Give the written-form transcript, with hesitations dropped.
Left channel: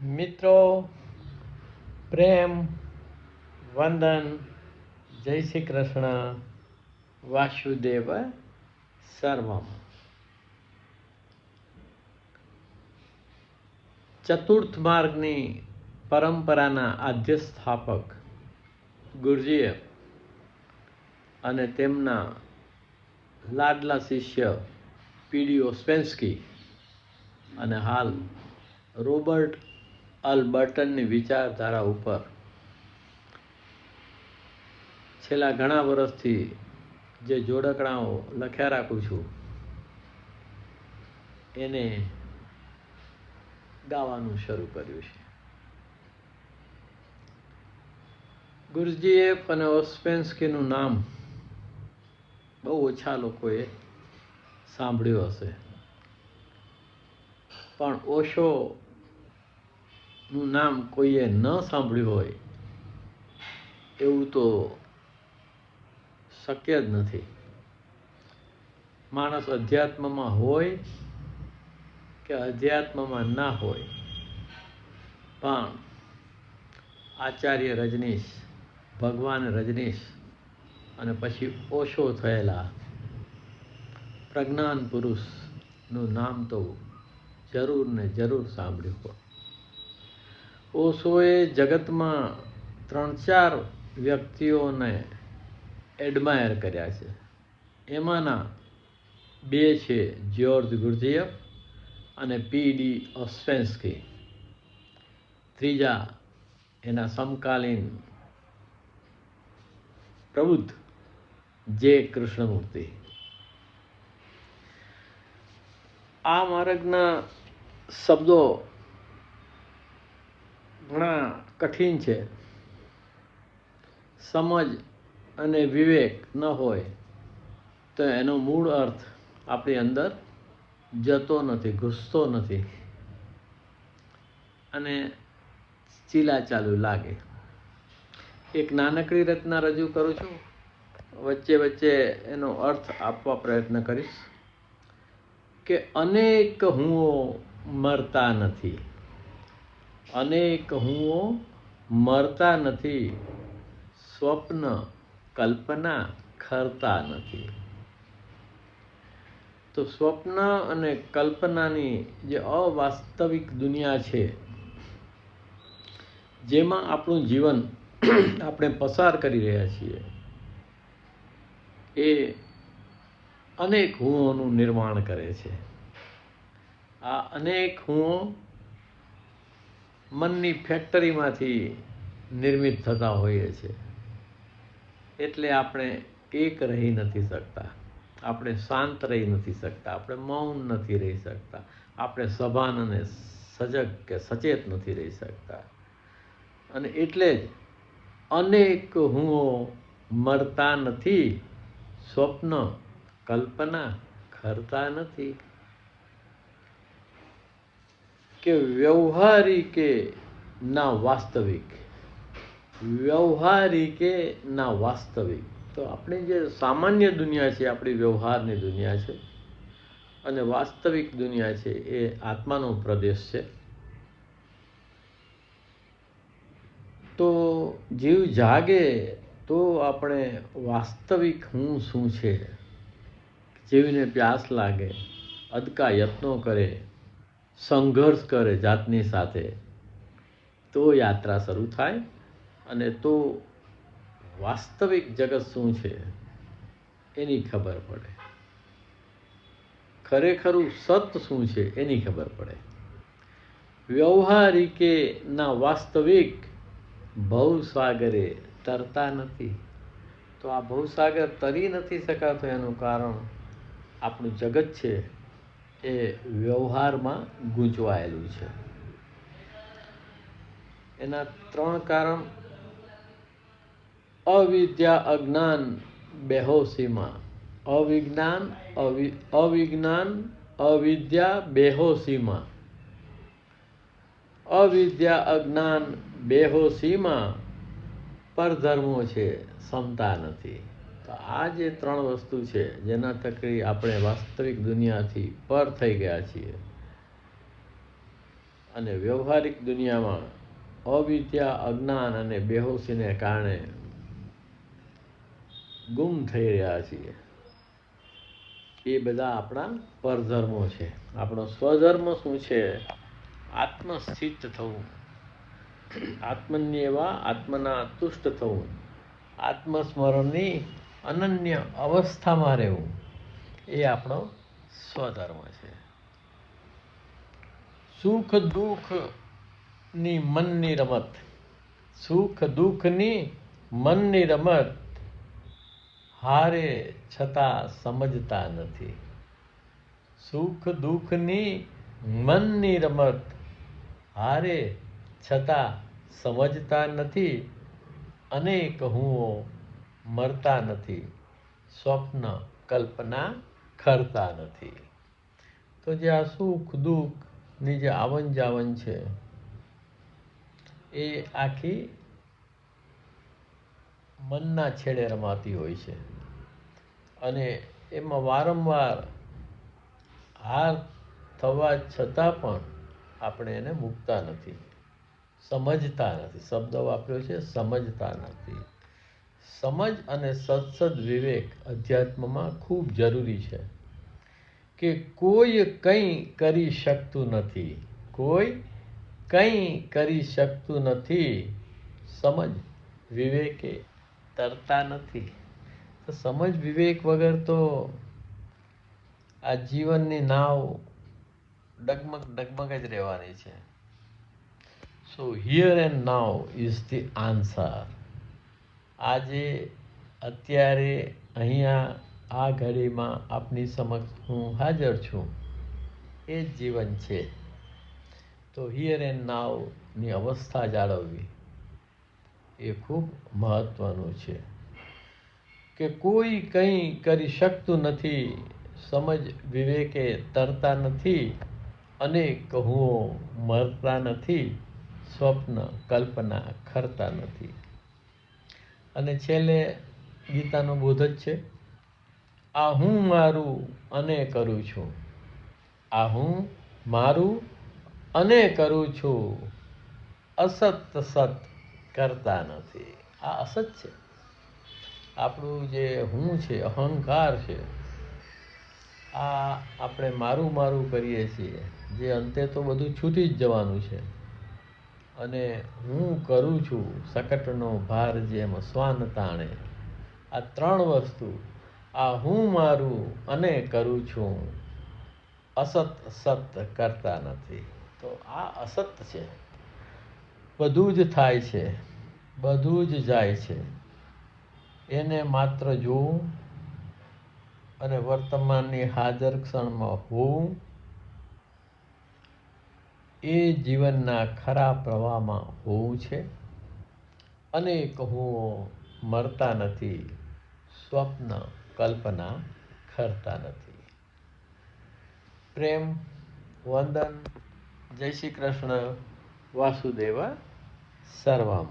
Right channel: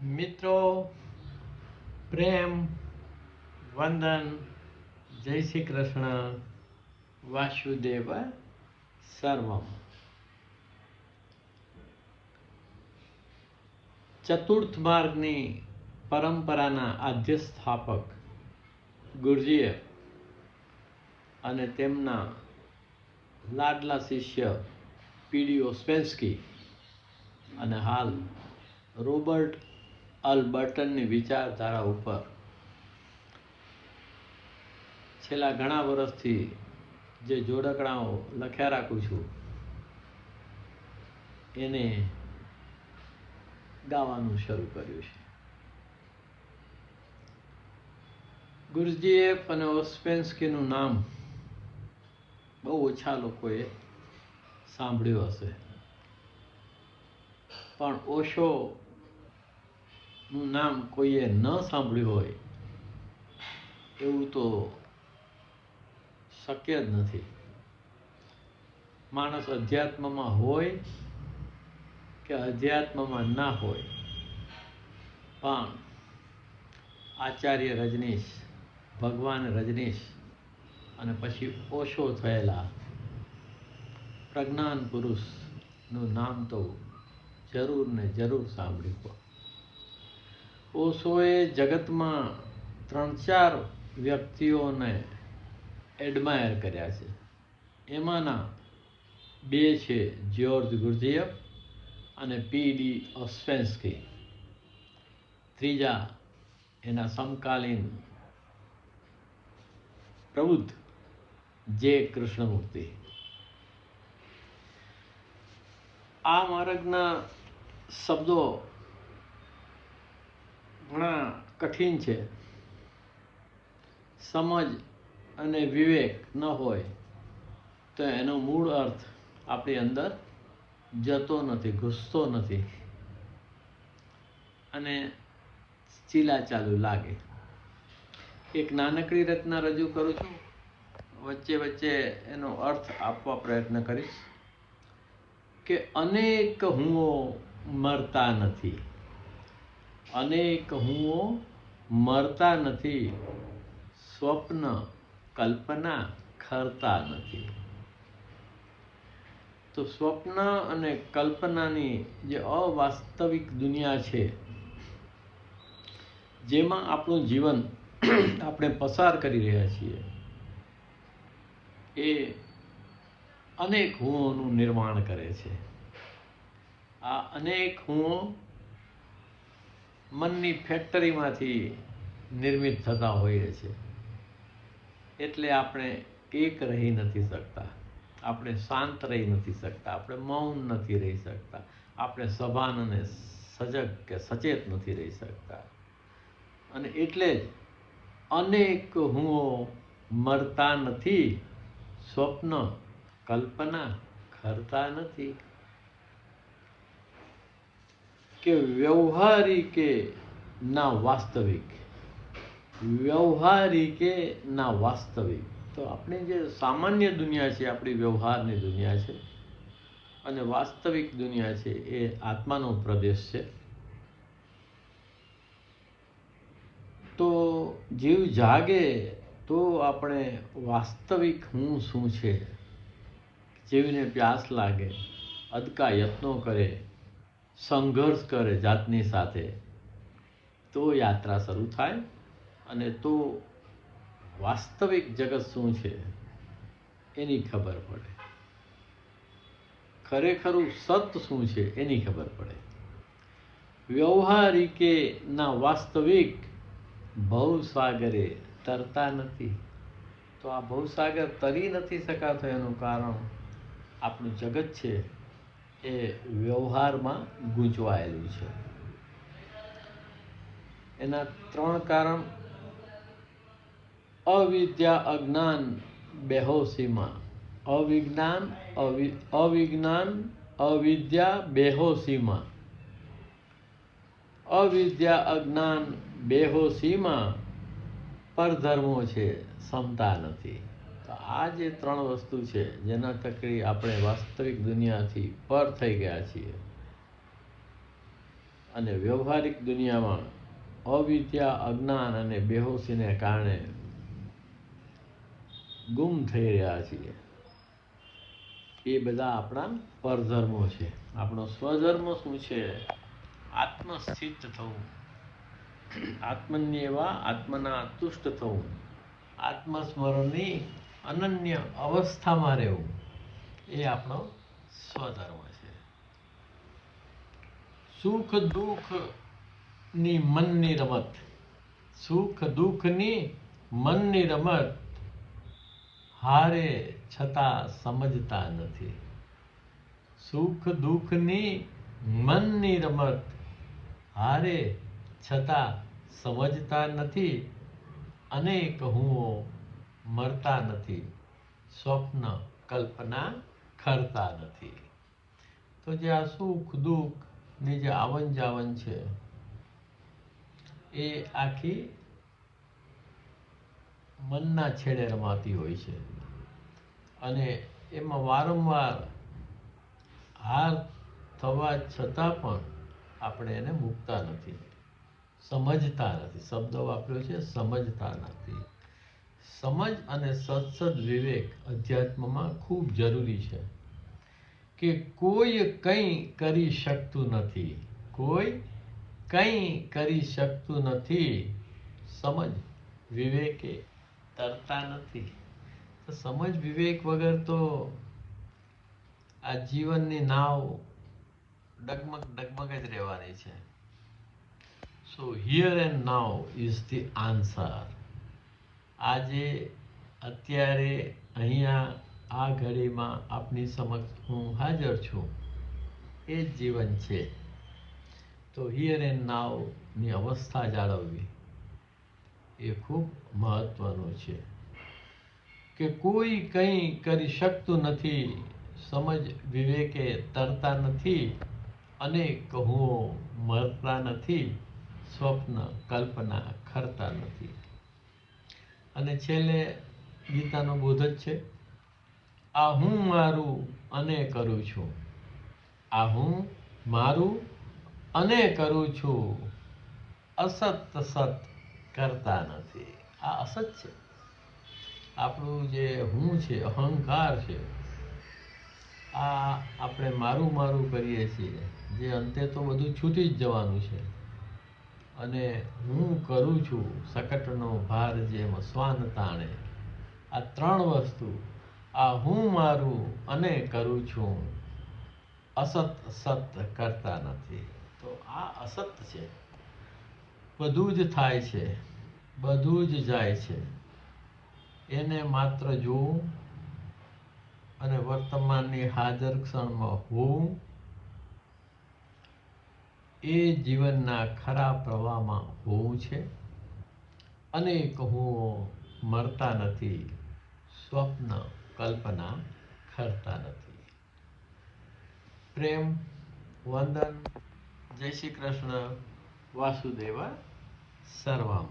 મિત્રો, પ્રેમ, વંદન, જય શ્રી કૃષ્ણ, વાસુદેવ સર્વમ. ચતુર્થ માર્ગની પરંપરાના આદ્ય સ્થાપક ગુરુજીએ અને તેમના લાડલા શિષ્ય પીડી ઓસ્પેન્સ્કી અને હાલ રોબર્ટ અલ્બર્ટનની વિચારધારા ઉપર છેલ્લા ઘણા વર્ષથી જે જોડકણાઓ લખ્યા રાખું છું એને ગાવાનું શરૂ કર્યું છે. ગુરુજીએફ અને ઓસ્પેન્સ્કીનું નામ બહુ ઓછા લોકોએ સાંભળ્યું હશે, પણ ઓશોનું નામ કોઈએ ન સાંભળ્યું હોય એવું તો શક્ય જ નથી. માણસ અધ્યાત્મમાં હોય કે અધ્યાત્મમાં ના હોય, પણ આચાર્ય રજનીશ, ભગવાન રજનીશ અને પછી ઓશો થયેલા પ્રજ્ઞાન પુરુષનું નામ તો જરૂર ને જરૂર સાંભળ્યું. ઓશોએ જગતમાં 3-4 વ્યક્તિઓને એડમાયર કર્યા છે. એમાંના 2 છે જ્યોર્જ ગુરુજીએફ અને પીડી ઓસ્પેન્સ્કી. ત્રીજા એના સમકાલીન પ્રબુદ્ધ જે કૃષ્ણમૂર્તિ. આ માર્ગના શબ્દો ઘણા કઠિન છે. સમજ અને વિવેક ન હોય તો એનો મૂળ અર્થ આપણી અંદર જતો નથી, ઘૂસતો નથી અને ચીલાચાલુ લાગે. એક નાનકડી રચના રજૂ કરું છું, વચ્ચે વચ્ચે એનો અર્થ આપવા પ્રયત્ન કરીશ કે અનેક હુંઓ મરતા નથી, અનેક હુંઓ મરતા નથી, સ્વપ્ન કલ્પના ખરતા નથી. તો સ્વપ્ન અને કલ્પનાની જે અવાસ્તવિક દુનિયા છે, જેમાં આપણું જીવન આપણે પસાર કરી રહ્યા છીએ, એ અનેક હુંઓનું નિર્માણ કરે છે. આ અનેક હુંઓ મનની ફેક્ટરીમાંથી નિર્મિત થતા હોઈએ છે. એટલે આપણે એક રહી નથી શકતા, આપણે શાંત રહી નથી શકતા, આપણે મૌન નથી રહી શકતા, આપણે સભાન અને સજગ કે સચેત નથી રહી શકતા. અને એટલે જ અનેક હુંઓ મરતા નથી, સ્વપ્ન કલ્પના ખરતા નથી. કે વ્યવહારિકે ના વાસ્તવિક, વ્યવહારિકે ના વાસ્તવિક. તો આપણી જે સામાન્ય દુનિયા છે, આપણી વ્યવહારની દુનિયા છે, અને વાસ્તવિક દુનિયા છે એ આત્માનો પ્રદેશ છે. તો જીવ જાગે તો આપણે વાસ્તવિક હું શું છે, જીવને પ્યાસ લાગે, અદકા યત્નો કરે, સંઘર્ષ કરે જાતની સાથે, તો યાત્રા શરૂ થાય અને તો વાસ્તવિક જગત શું છે એની ખબર પડે, ખરેખરું સત શું છે એની ખબર પડે. વ્યવહારિકે ના વાસ્તવિક ભવસાગરે તરતા નથી. તો આ ભવસાગર તરી નથી શકાતો એનું કારણ આપણું જગત છે એ વ્યવહારમાં ગૂંચવાયેલું છે. એના 3 કારણ: અવિદ્યા, અજ્ઞાન, બેહોશીમાં. અવિજ્ઞાન, અવિદ્યા, બેહોશીમાં. અવિદ્યા, અજ્ઞાન, બેહોશીમાં પરધર્મો છે, ક્ષમતા નથી. તો આ જે 3 વસ્તુ છે જેના થકી આપણે વાસ્તવિક દુનિયાથી પર થઈ ગયા છીએ અને વ્યવહારિક દુનિયામાં અવિદ્યા, અજ્ઞાન અને બેહોશીને કારણે ગુમ થઈ રહ્યા છીએ. એ બધા આપણા પરધર્મો છે. આપણો સ્વધર્મ શું છે? આત્મસ્થિત થવું, આત્મન્યેવા આત્મના તુષ્ટ થવું, આત્મસ્મરણની અનન્ય અવસ્થામાં રહેવું, એ આપણો સ્વધર્મ છે. સુખ દુઃખની મનની રમત, સુખ દુઃખની મનની રમત હારે છતાં સમજતા નથી. સુખ દુઃખની મનની રમત હારે છતાં સમજતા નથી. અનેક હુંઓ મરતા નથી, સ્વપ્ન કલ્પના ખરતા નથી. તો જે આ સુખ દુઃખની જે આવન જાવન છે, એ આખી મનના છેડે રમાતી હોય છે અને એમાં વારંવાર હાર થવા છતાં પણ આપણે એને મૂકતા નથી, સમજતા નથી. શબ્દ વાપર્યો છે સમજતા નથી. સમજ અને સત્સદ વિવેક અધ્યાત્મમાં ખૂબ જરૂરી છે કે કોઈ કંઈ કરી શકતું નથી, કોઈ કંઈ કરી શકતું નથી. સમજ વિવેકે તરતા નથી. તો સમજ વિવેક વગર તો આ જીવનની નાવ ડગમગ ડગમગ જ રહેવાની છે. સો here and now is the answer. આજે અત્યારે અહીંયા આ ઘડીમાં આપની સમક્ષ હું હાજર છું, એ જ જીવન છે. તો હિયર એન્ડ નાઉની અવસ્થા જાળવવી એ ખૂબ મહત્વનું છે કે કોઈ કંઈ કરી શકતું નથી, સમજ વિવેકે તરતા નથી, અનેક હુંઓ મરતા નથી, સ્વપ્ન કલ્પના ખરતા નથી. અને છેલ્લે ગીતાનો બોધ જ છે, આ હું મારું અને કરું છું. આ હું મારું અને કરું છું, અસત સત કરતા નથી. આ અસત છે. આપણું જે હું છે, અહંકાર છે, આ આપણે મારું મારું કરીએ છીએ, જે અંતે તો બધું છૂટી જ જવાનું છે. અને હું કરું છું, શકટનો ભાર જેમ શ્વાન તાણે. આ ત્રણ વસ્તુ, આ હું મારું અને કરું છું, અસત સત કરતા નથી. તો આ અસત છે. બધું જ થાય છે, બધું જ જાય છે. એને માત્ર જોવું અને વર્તમાનની હાજર ક્ષણમાં હોવું, એ જીવનના ખરા પ્રવાહમાં હોવું છે. અનેક હુંઓ મરતા નથી, સ્વપ્ન કલ્પના ખરતા નથી. પ્રેમ, વંદન, જય શ્રી કૃષ્ણ, વાસુદેવ સર્વમ.